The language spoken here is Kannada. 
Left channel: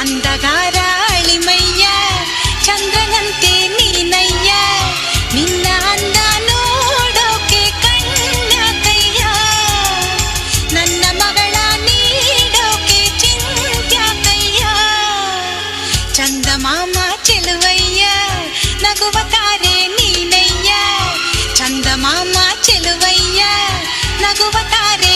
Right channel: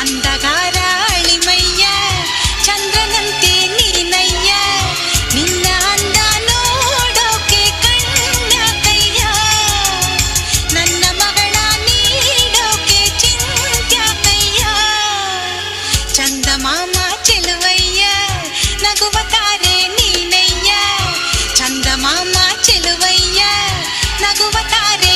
ಅಂದಗಾರ ಅಳಿಮಯ್ಯ ಚಂದ್ರನಂತೆ ನೀನಯ್ಯ ನಿನ್ನ ಅಂದ ನೋಡೋಕೆ ಕಣ್ಯಾಕಯ್ಯ ನನ್ನ ಮಗಳ ನೀಡೋಕೆ ಚಿಂತ್ಯಾಕಯ್ಯ ಚಂದಮಾಮ ಚೆಲುವಯ್ಯ ನಗುವ ತಾರೆ ನೀನಯ್ಯ ಚಂದಮಾಮ ಚೆಲುವಯ್ಯ ನಗುವ ತಾರೆ